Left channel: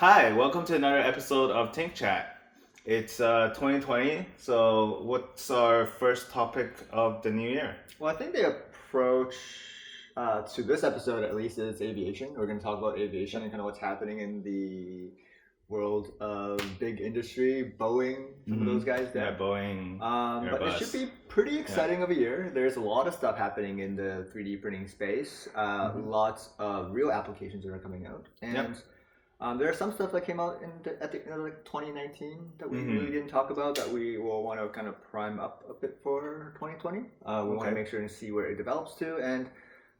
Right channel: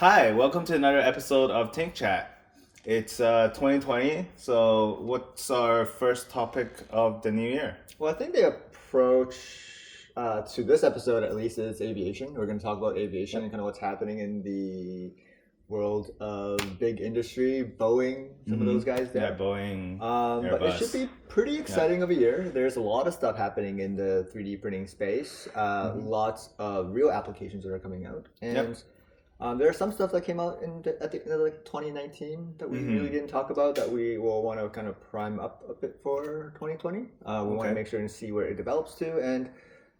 Hi, welcome to another episode of TinkChat. It's 2020, so what's our first topic of the new year? Well, I think the approach to this episode, at least, is aviation. We're going to talk about aviation and kind of what's happening in the world of big industry, Boeing, some of those guys Yeah, there. Boeing, But it should Airbus. be pretty exciting of a year. There's a lot of stuff happening in the 3D printing space. Lots of real applications that are coming out, and there are some stuff that came out at the end of 2019 that we really didn't talk about that we will want to kind of prime up a bit for 2020. We want to make sure and see where it develops to, and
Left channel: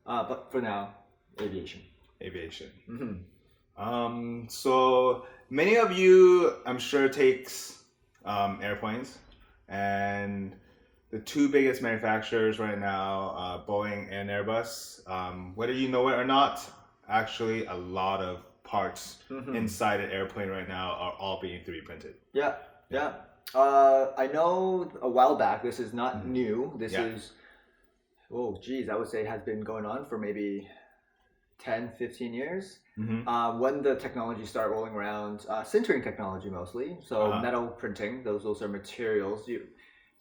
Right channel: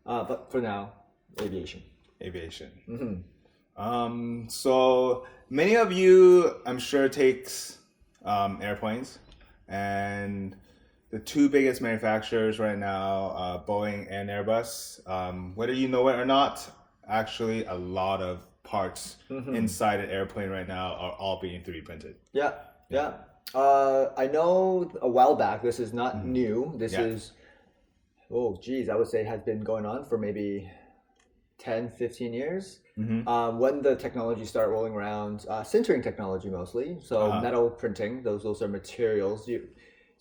but for now, aviation. Aviation. Mm-hmm. So many of you, I'm sure, takes airplanes, and the two biggest manufacturers right now, Boeing and Airbus. Whether you know it or not, actually, a lot of parts inside an airplane right now are all being 3D printed. Yeah. I know a while back. This is not new. This is, I would say it has been going on for maybe 10, 15 years. When the technology started rolling around, sintering technology mostly, so metal printing, those are materials.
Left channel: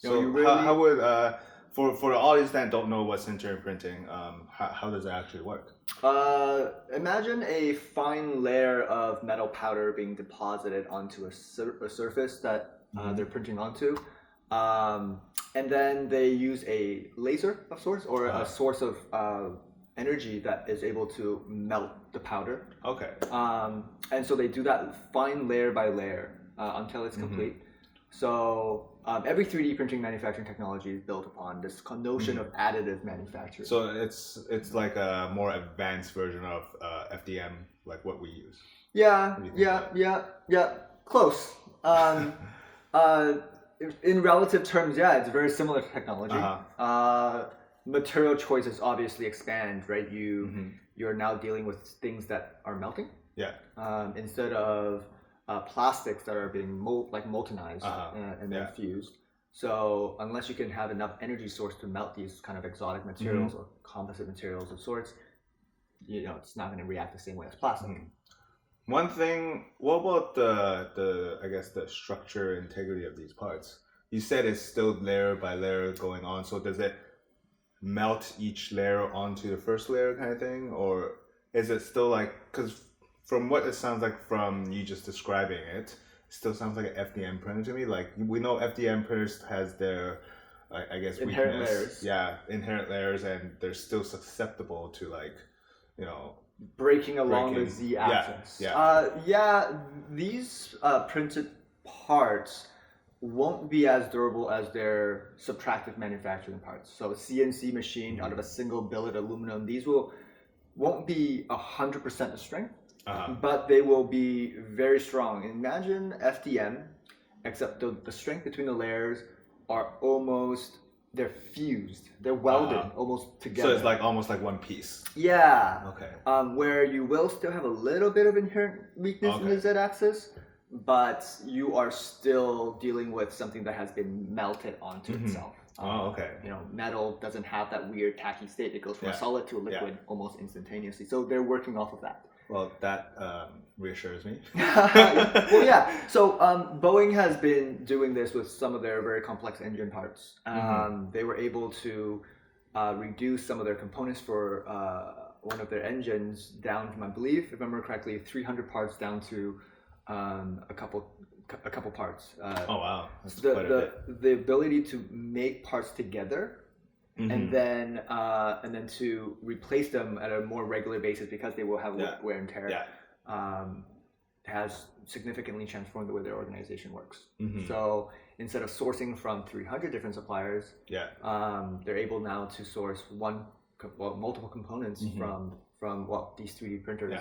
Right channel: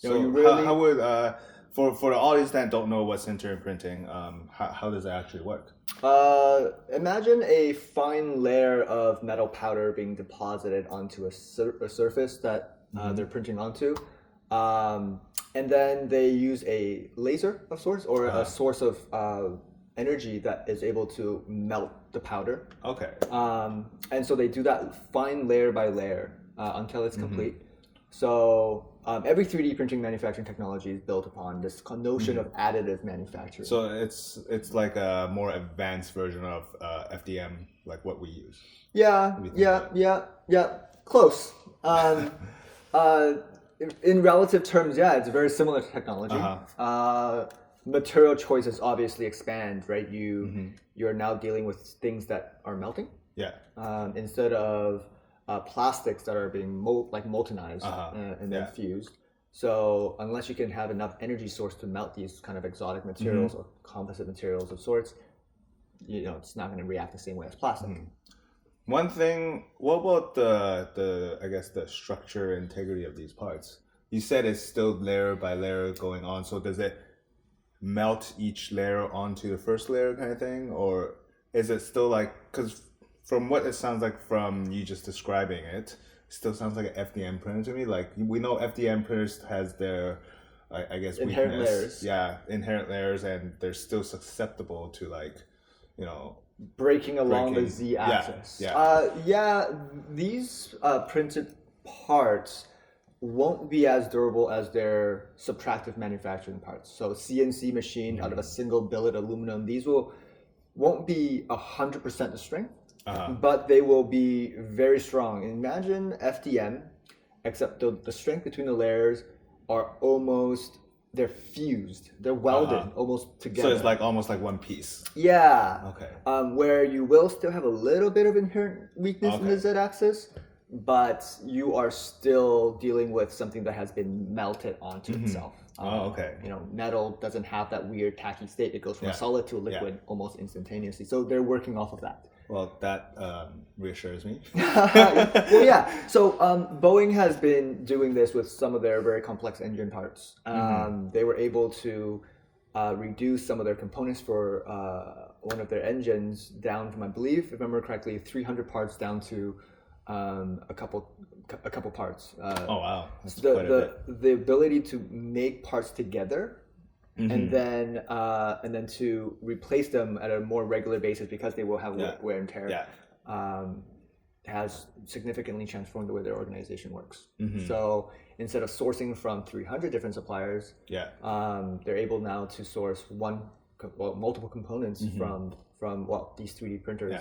How would for the audience that don't know what sintering printing, how does it actually work? Imagine a fine layer of metal powder being deposited onto a surface that they're printing onto, and then they use a laser of sorts or a source of energy that is able to melt the powder. Okay. And so they do that fine layer by layer until it's complete. So every 3D printing manufacturing technology is built upon this notion of additive manufacturing. So it's like a more advanced version of FDM, like what we use. Yeah. Close. In relative terms, yeah, it's very similar to technology. Material choices obviously expand, right? You're now dealing with things that are melting. Yeah. Instead of plastics that are being moltenized and then fused. So unless you can have enough energy source to melt these kind of exotic materials or composite materials of sorts, it's not going to react the same way as plastic. One thing, what about the I guess the structure integrity of these parts? You said it's still layer by layer going on. So does it melt each layer onto the first layer kind of thing, or is it still like, because from what it sounds like from you just describing it, still sounds like an FDM printer to me. Like, we know FDM printers has their, I guess, inherent weakness. layers. Yeah, inherent layers, and they're still susceptible to, like, breaking along the z-axis. These printed parts won't be as durable as their subtractive manufacturing parts. So CNC machined out of a single billet aluminum, these won't be 100% the strength. But they will be very strong. Imagine FDM, except the strength between the layers are they're fused. They're welded almost together. So it's like almost like one piece. Yeah. Okay. Where you will still have a little bit of inherent weakness in the z-axis, but you are still dealing with something that has been melted onto itself. Okay. Metal doesn't have that weird tacky state. It goes from a solid to a liquid almost instantaneously. So they're working off of that. Well, that reassures me. So Boeing has been doing this with some of their very complex engine parts. They were able to reduce some of their components for one of their engines down from, I believe, if I remember correctly, 300 parts down to a couple parts. Oh wow, that's quite a bit. The ability to make parts together. And then to replace them at a more regular basis because they will have wear and tear, has significantly transformed the way their organization works. So instead of sourcing from 300 different suppliers, they're able now to source multiple components from these 3D printers.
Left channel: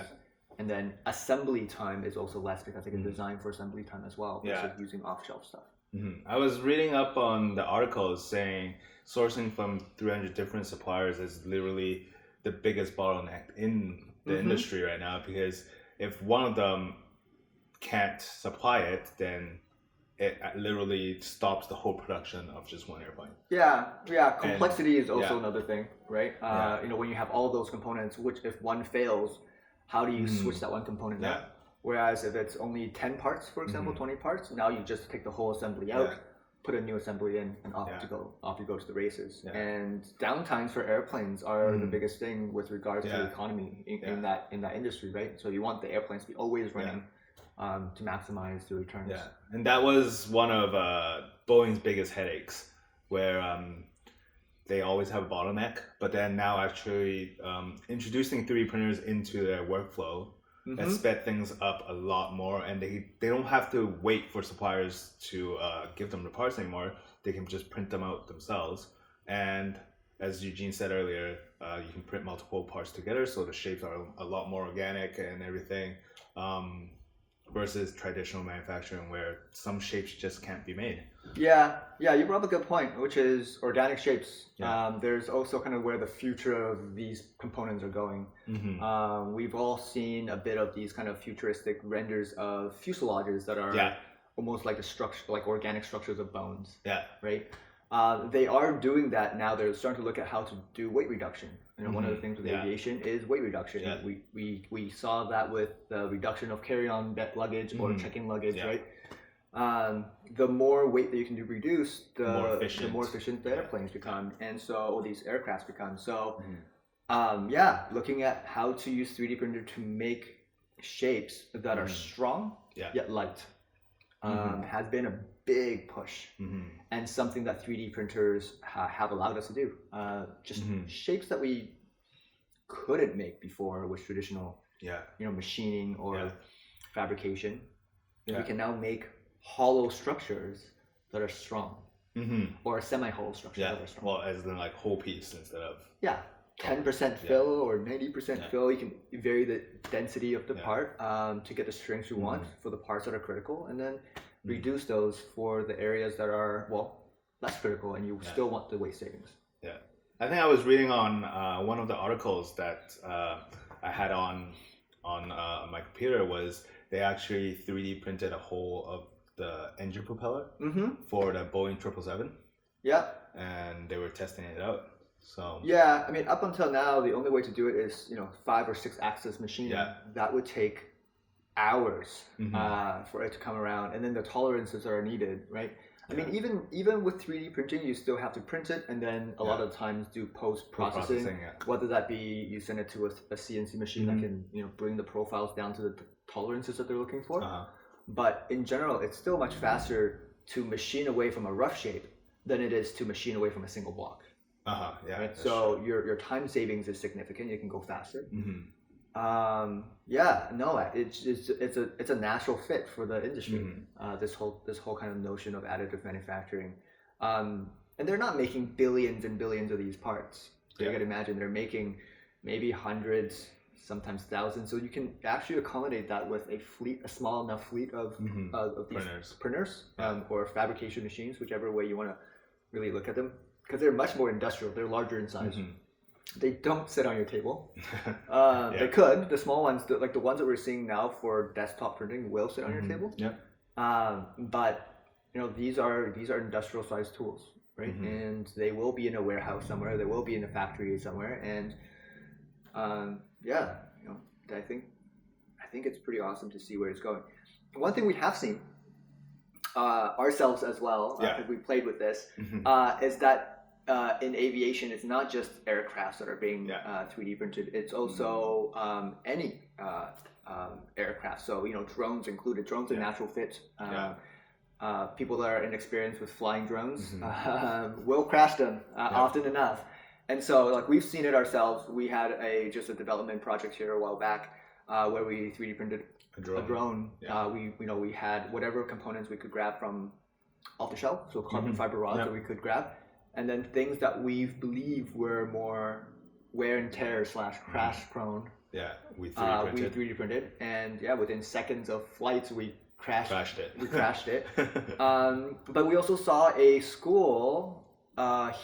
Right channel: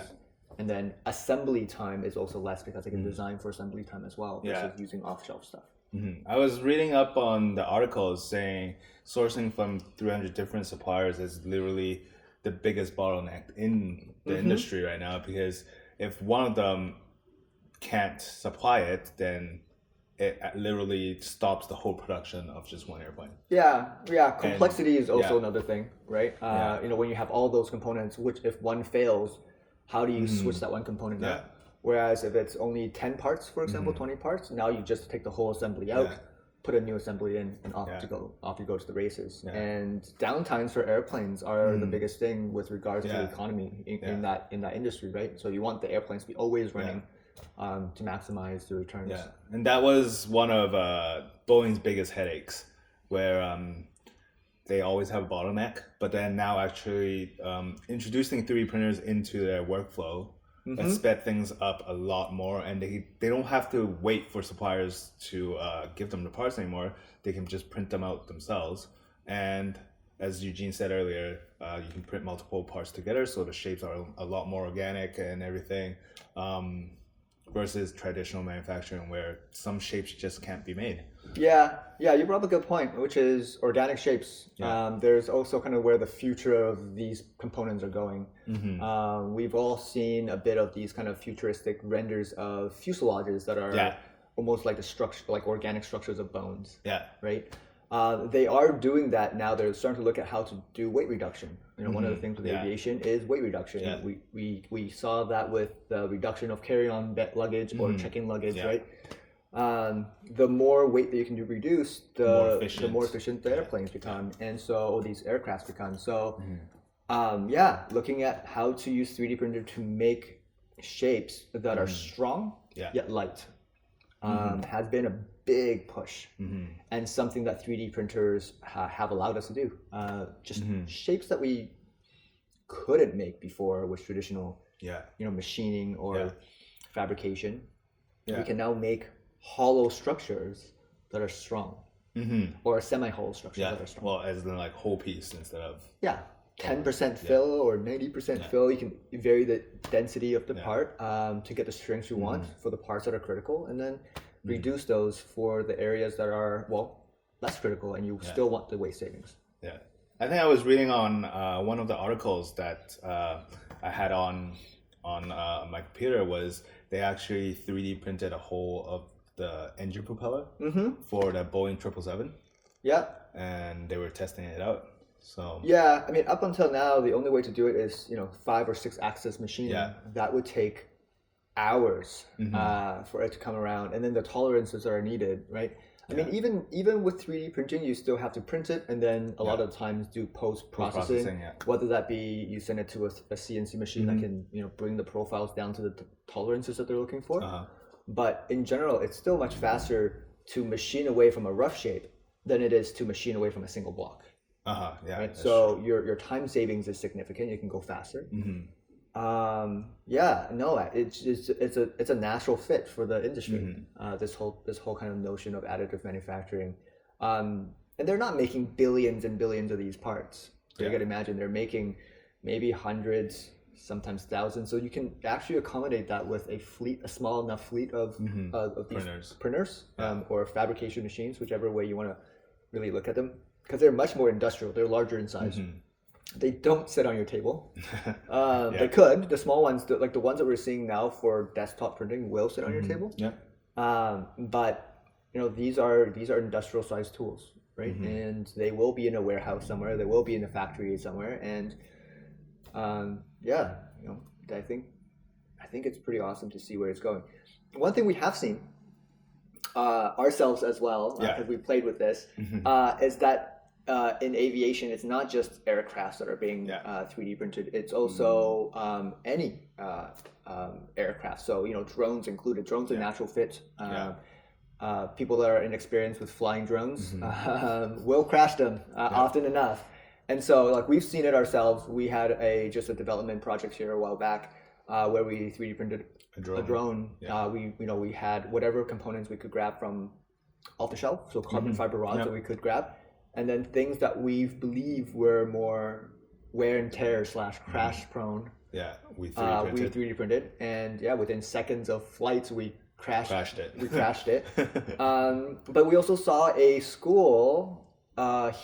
And then assembly time is also less because they can design for assembly time as well versus using off-shelf stuff. I was reading up on the articles saying sourcing from 300 different suppliers is literally the biggest bottleneck in the industry right now, because if one of them can't supply it, then it literally stops the whole production of just one airplane. Complexity is also another thing, right? When you have all those components, which if one fails, how do you switch that one component out? Whereas if it's only 10 parts, for example, 20 parts, now you just take the whole assembly out, put a new assembly in, and off you go to the races. And downtimes for airplanes are the biggest thing with regards to the economy in that industry, right? So you want the airplanes to be always running to maximize the returns. Yeah, and that was one of Boeing's biggest headaches, where they always have a bottleneck, but then now actually introducing 3D printers into their workflow has sped things up a lot more, and they don't have to wait for suppliers to give them the parts anymore. They can just print them out themselves. And as Eugene said earlier, you can print multiple parts together, so the shapes are a lot more organic and everything, versus traditional manufacturing where some shapes just can't be made. Yeah, you brought up a good point, which is organic shapes. There's also kind of where the future of these components are going. We've all seen a bit of these kind of futuristic renders of fuselages that are almost like like organic structures of bones. Right. They are doing that now. They're starting to look at how to do weight reduction. One of the things with aviation is weight reduction. We saw that with the reduction of carry-on luggage or check-in luggage, right? The more weight that you can reduce, the more efficient the airplanes become, and so these aircrafts become. So, looking at how to use 3D printer to make shapes that are strong yet light has been a big push, and something that 3D printers have allowed us to do. Just shapes that we couldn't make before with traditional, machining or fabrication. We can now make hollow structures that are strong, or semi-hollow structures that are strong. Well, as in like whole piece instead of 10% fill or 90% fill. You can vary the density of the part to get the strength you want for the parts that are critical, and then reduce those for the areas that are less critical, and you still want the weight savings. I think I was reading on one of the articles that I had on my computer was they actually 3D printed a whole of the engine propeller for the Boeing 777. And they were testing it out. So I mean, up until now, the only way to do it is 5 or 6 axis machining. That would take hours for it to come around, and then the tolerances that are needed, right? I mean, even with 3D printing, you still have to print it, and then a lot of times do post processing. Whether that be you send it to a CNC machine that can bring the profiles down to the tolerances that they're looking for. But in general, it's still much faster to machine away from a rough shape than it is to machine away from a single block. Right? So your time savings is significant. You can go faster. It's a natural fit for the industry. This whole kind of notion of additive manufacturing, and they're not making billions and billions of these parts. So you got to imagine they're making maybe hundreds, sometimes thousands. So you can actually accommodate that with a small enough fleet of these printers or fabrication machines, whichever way you want to really look at them, because they're much more industrial. They're larger in size. They don't sit on your table. They could. The small ones, like the ones that we're seeing now for desktop printing, will sit on your table. But these are industrial sized tools, right? And they will be in a warehouse somewhere. They will be in a factory somewhere. And I think it's pretty awesome to see where it's going. One thing we have seen ourselves as well, because we played with this, is that. In aviation, it's not just aircrafts that are being 3D printed. It's also any aircraft. So drones included. Drones are natural fit. People that are inexperienced with flying drones will crash them often enough. And so, like, we've seen it ourselves. We had a development project here a while back where we 3D printed a drone. We had whatever components we could grab from off the shelf, so carbon fiber rods that we could grab. And then things that we believe were more wear and tear / crash prone. We 3D printed. And within seconds of flights, we crashed it. We crashed it. But we also saw a school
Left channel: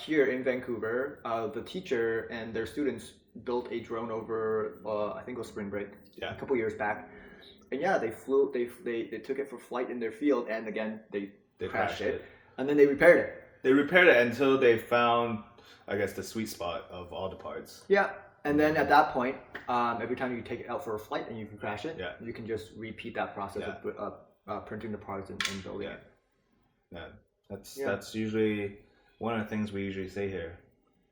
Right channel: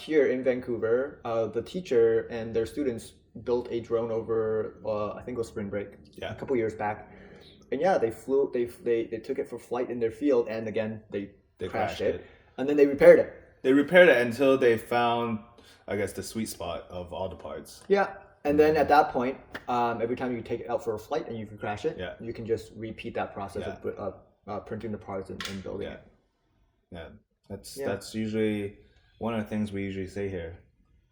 here in Vancouver. The teacher and their students built a drone over, I think it was spring break, a couple years back. And they flew. They took it for flight in their field, and again they crashed it. And then they repaired it. They repaired it until they found, I guess, the sweet spot of all the parts. And then at that point, every time you take it out for a flight and you can crash it, Yeah. you can just repeat that process of printing the parts and building it. Yeah, that's usually one of the things we usually say here.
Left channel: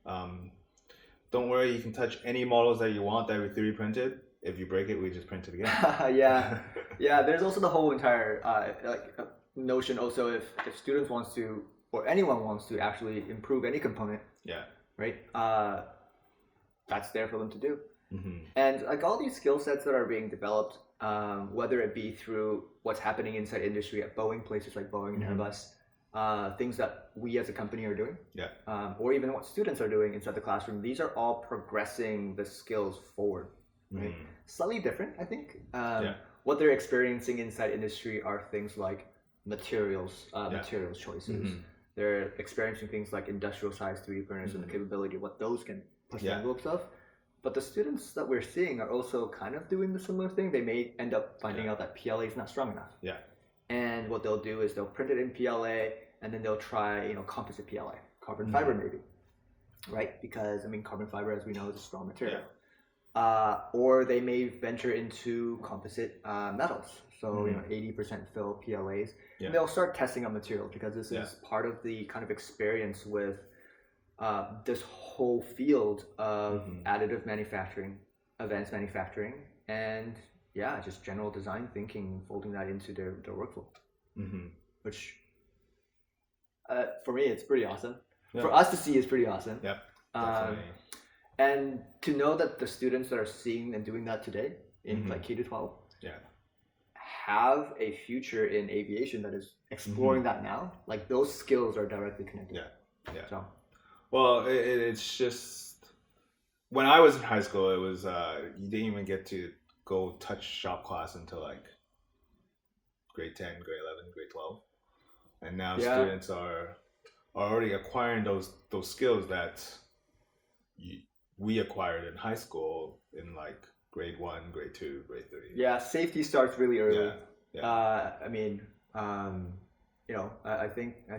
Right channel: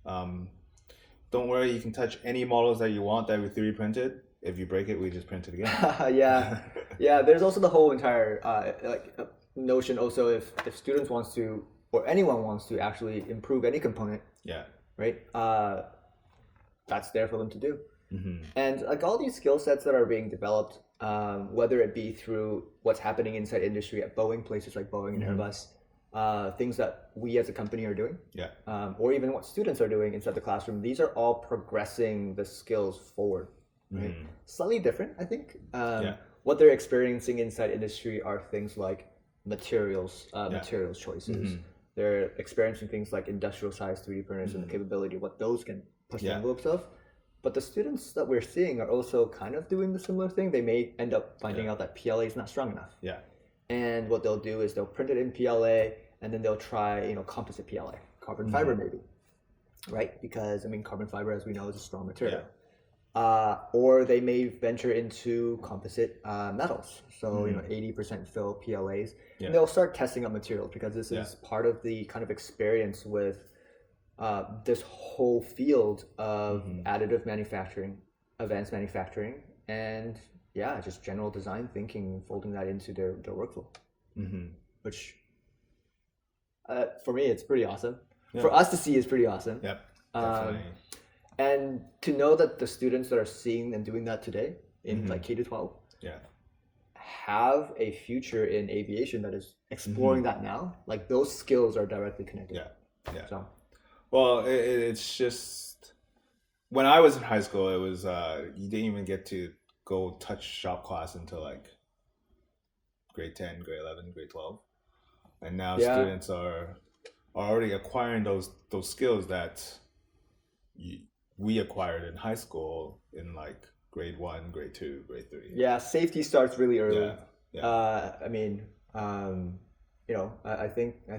Don't worry, you can touch any models that you want that we 3D printed. If you break it, we just print it again. Yeah. There's also the whole entire notion. Also, if students wants to, or anyone wants to actually improve any component, right? That's there for them to do. And like all these skill sets that are being developed, whether it be through what's happening inside industry at Boeing, places like Boeing and Airbus, things that we as a company are doing, or even what students are doing inside the classroom, these are all progressing the skills forward. Right? Slightly different, I think. What they're experiencing inside industry are things like materials choices. They're experiencing things like industrial size 3D printers and the capability of what those can push the envelopes of. But the students that we're seeing are also kind of doing the similar thing. They may end up finding out that PLA is not strong enough. And what they'll do is they'll print it in PLA and then they'll try, composite PLA, carbon fiber maybe, right? Because carbon fiber, as we know, is a strong material. Or they may venture into composite metals. So 80% fill PLAs. And they'll start testing out materials because this is part of the kind of experience with this whole field of additive manufacturing, advanced manufacturing, and just general design thinking, folding that into their workflow. Which for me, it's pretty awesome. For us to see, is pretty awesome. Definitely. And to know that the students that are seeing and doing that today in like K to 12 have a future in aviation that is exploring that now, like those skills are directly connected. So, well, it's just when I was in high school, it was you didn't even get to go touch shop class until like grade 10, grade 11, grade 12, and now students are already acquiring those skills that we acquired in high school in like grade 1, grade 2, grade 3. Yeah, safety starts really early. I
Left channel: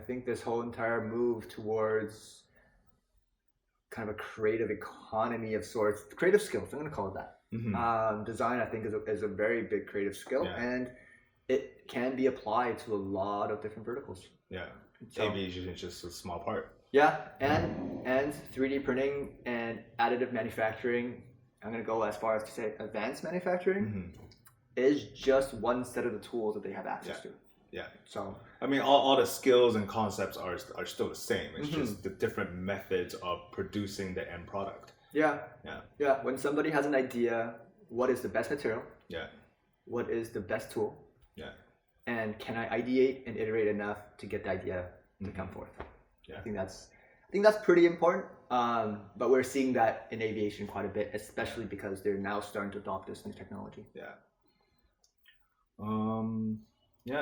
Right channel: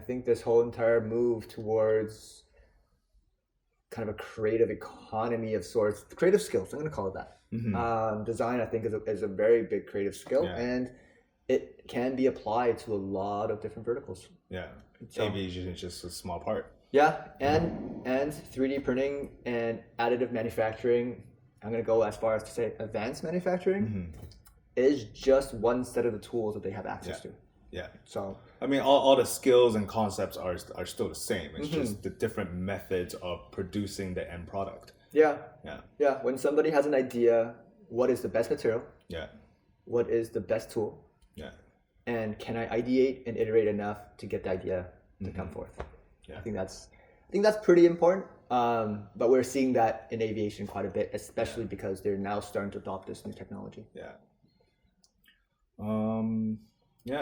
think this whole entire move towards kind of a creative economy of sorts, creative skills, I'm going to call it that. Design, I think, is a very big creative skill, and it can be applied to a lot of different verticals. So, aviation is just a small part. And 3D printing and additive manufacturing, I'm going to go as far as to say advanced manufacturing, is just one set of the tools that they have access to. So all the skills and concepts are still the same. It's just the different methods of producing the end product. When somebody has an idea, what is the best material? What is the best tool? And can I ideate and iterate enough to get the idea to come forth? I think that's pretty important. But we're seeing that in aviation quite a bit, especially because they're now starting to adopt this new technology.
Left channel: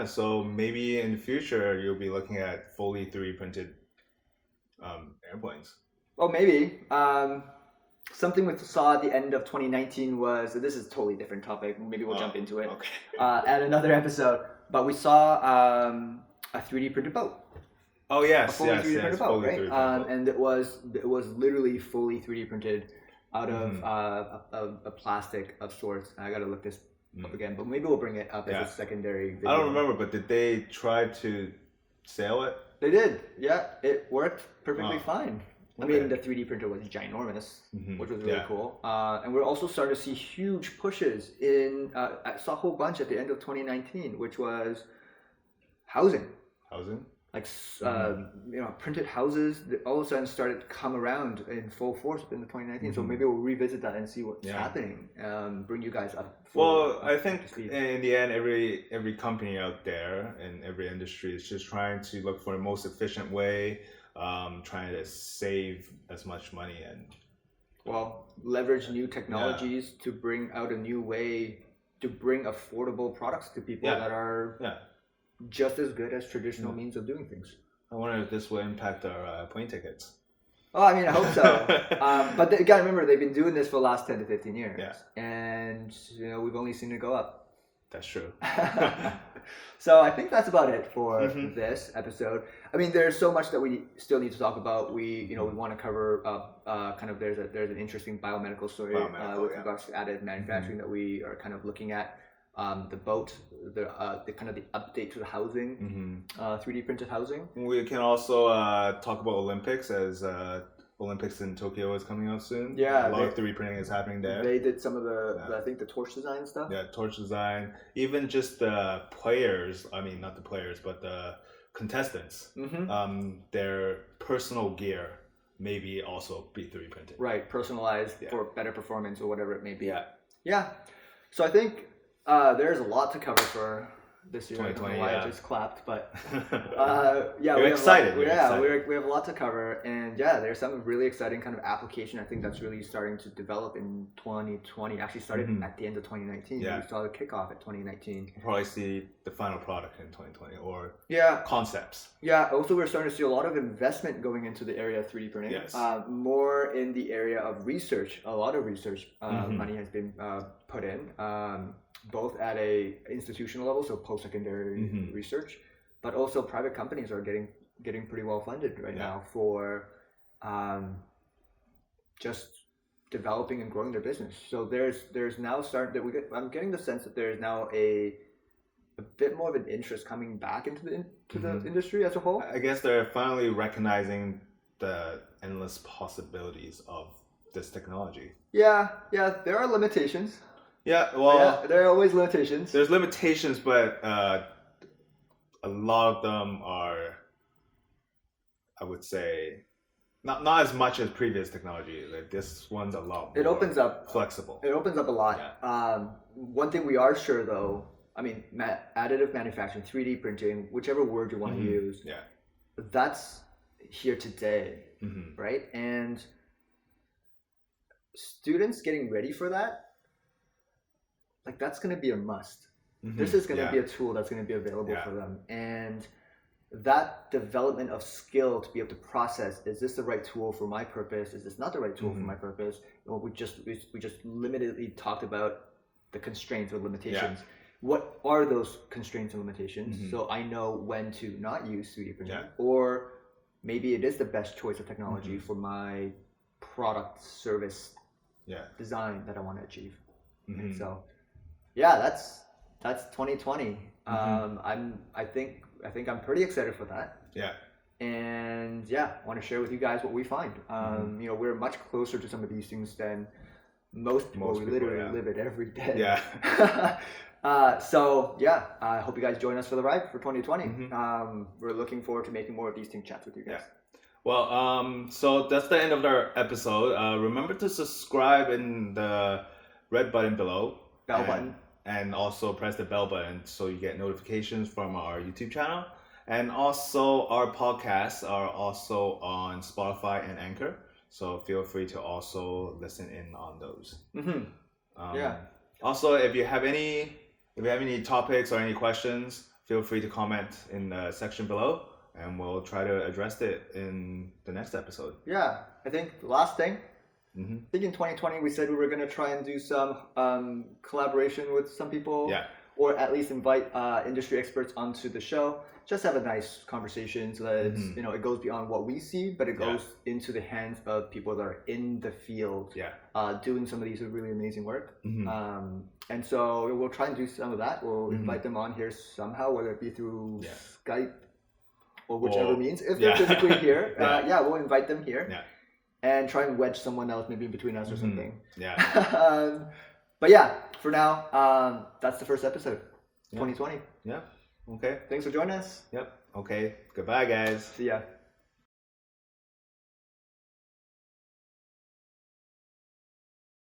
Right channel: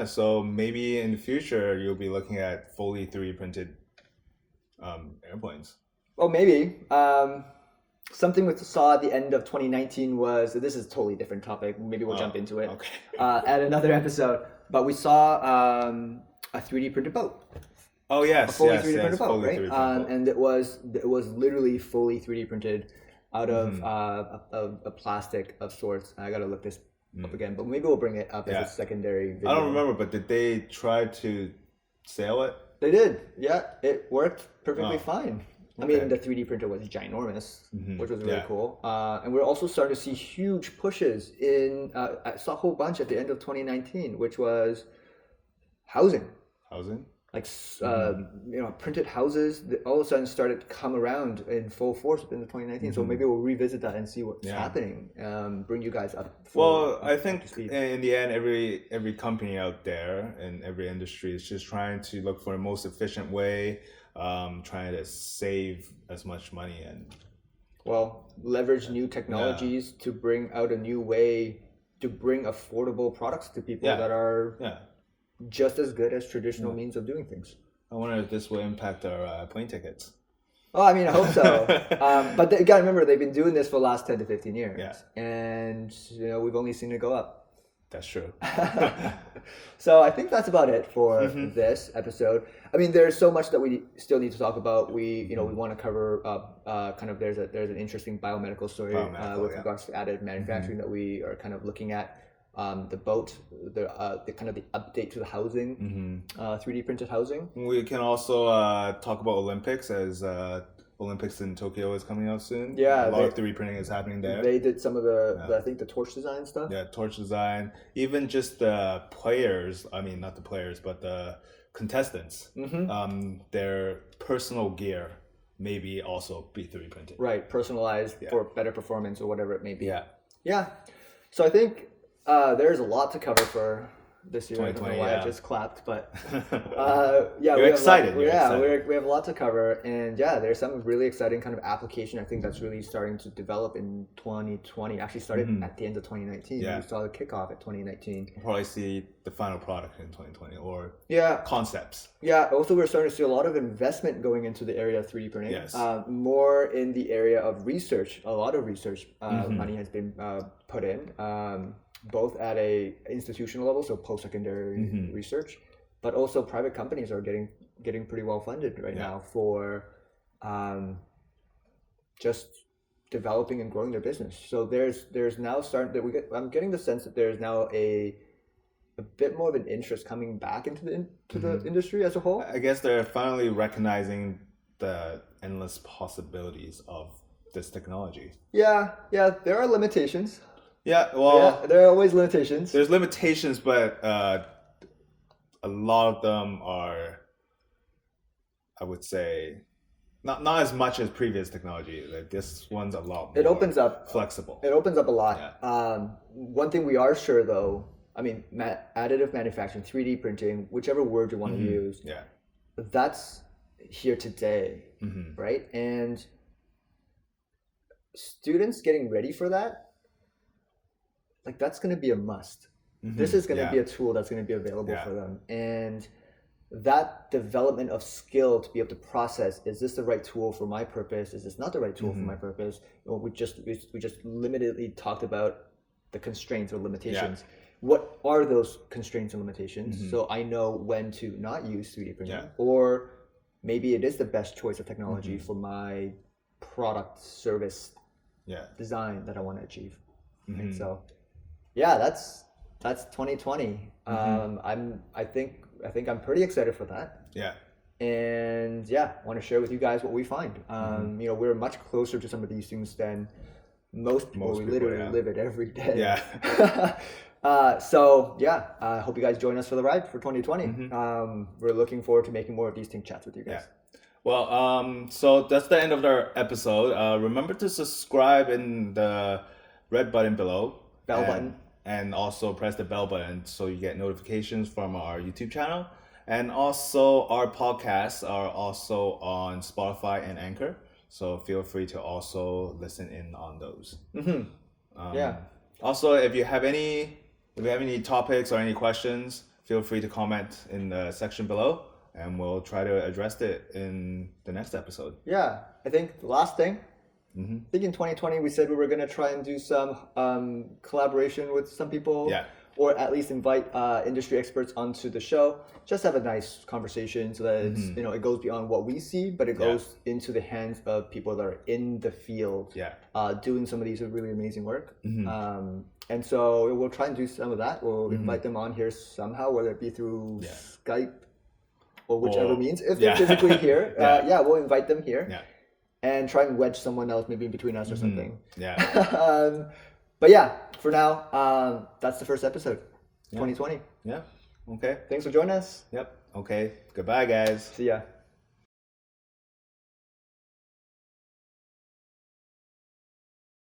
So maybe in the future you'll be looking at fully 3D printed airplanes. Well, maybe. Something we saw at the end of 2019 was, this is a totally different topic, maybe we'll jump into it at another episode, but we saw a 3D printed boat. Oh yes, a fully 3D printed boat, right? And it was literally fully 3D printed out of a plastic of sorts. I gotta look this up again, but maybe we'll bring it up as a secondary video. I don't remember, but did they try to sail it? They did. Yeah, it worked perfectly fine. I mean, the 3D printer was ginormous, which was really cool. And we're also starting to see huge pushes in. I saw a whole bunch at the end of 2019, which was housing. Like printed houses that all of a sudden started to come around in full force in the 2019. So maybe we'll revisit that and see what's happening. Bring you guys up. I think in the end, every company out there in every industry is just trying to look for the most efficient way, trying to save as much money and leverage new technologies to bring out a new way to bring affordable products to people that are just as good as traditional means of doing things. I wonder if this will impact our plane tickets. Oh, I mean, I hope so. But you gotta remember, they've been doing this for the last 10 to 15 years. And, we've only seen it go up. That's true. So I think that's about it for this episode. I mean, there's so much that we still need to talk about. We want to cover kind of there's an interesting biomedical story with regards to additive manufacturing that we are kind of looking at. The boat, the kind of the update to the housing, 3D printed housing. We can also talk about Olympics as Olympics in Tokyo is coming out soon. Yeah, a lot of 3D printing is happening there. They did some of I think the torch design stuff. Yeah, torch design. Even just the players. I mean, not the players, but the contestants. Their personal gear maybe also be 3D printed. Right, personalized for better performance or whatever it may be. Yeah. So I think there's a lot to cover for this year. 2020, I just clapped, but we're excited. We have a lot to cover, and there's some really exciting kind of application. I think that's really starting to develop in 2020. Actually, started at the end of 2019. We saw the kickoff at 2019. We'll probably see the final product in 2020 or concepts. Yeah. Also, we're starting to see a lot of investment going into the area of 3D printing. Yes. More in the area of research. A lot of research money has been put in. Both at a institutional level, so post-secondary research, but also private companies are getting pretty well funded right now for just developing and growing their business. So there's now I'm getting the sense that there's now a bit more of an interest coming back into the industry as a whole. I guess they're finally recognizing the endless possibilities of this technology. Yeah, there are limitations. Yeah, well, there are always limitations. There's limitations, but a lot of them are, I would say, not as much as previous technology. Like this one's a lot more it opens up flexible. It opens up a lot. Yeah. One thing we are sure though, I mean, additive manufacturing, 3D printing, whichever word you want to use, that's here today, right? And students getting ready for that, like that's going to be a must. This is going to be a tool that's going to be available for them. And that development of skill to be able to process, is this the right tool for my purpose? Is this not the right tool for my purpose? Well, we just limitedly talked about the constraints or limitations. Yeah. What are those constraints and limitations? So I know when to not use 3D printing, or maybe it is the best choice of technology for my product service design that I want to achieve. And so that's 2020. I think I'm pretty excited for that. Yeah. And I want to share with you guys what we find. We're much closer to some of these things than most people. We literally live it every day. Yeah. I hope you guys join us for the ride for 2020. We're looking forward to making more of these TinkChats with you guys. Yeah. Well, so that's the end of our episode. Remember to subscribe in the red button below. Bell button. And also press the bell button so you get notifications from our YouTube channel. And also our podcasts are also on Spotify and Anchor. So feel free to also listen in on those. Also, if you have any topics or any questions, feel free to comment in the section below, and we'll try to address it in the next episode. Yeah, I think the last thing, I think in 2020 we said we were going to try and do some collaboration with some people, or at least invite industry experts onto the show. Just have a nice conversation so that it's, it goes beyond what we see, but it goes into the hands of people that are in the field, doing some of these really amazing work. And so we'll try and do some of that. We'll invite them on here somehow, whether it be through Skype or whichever means. If they're physically here, we'll invite them here. Yeah. And try and wedge someone else maybe in between us or something. Yeah. But for now, that's the first episode, 2020. Yeah. Okay. Thanks for joining us. Yep. Okay. Goodbye, guys. See ya.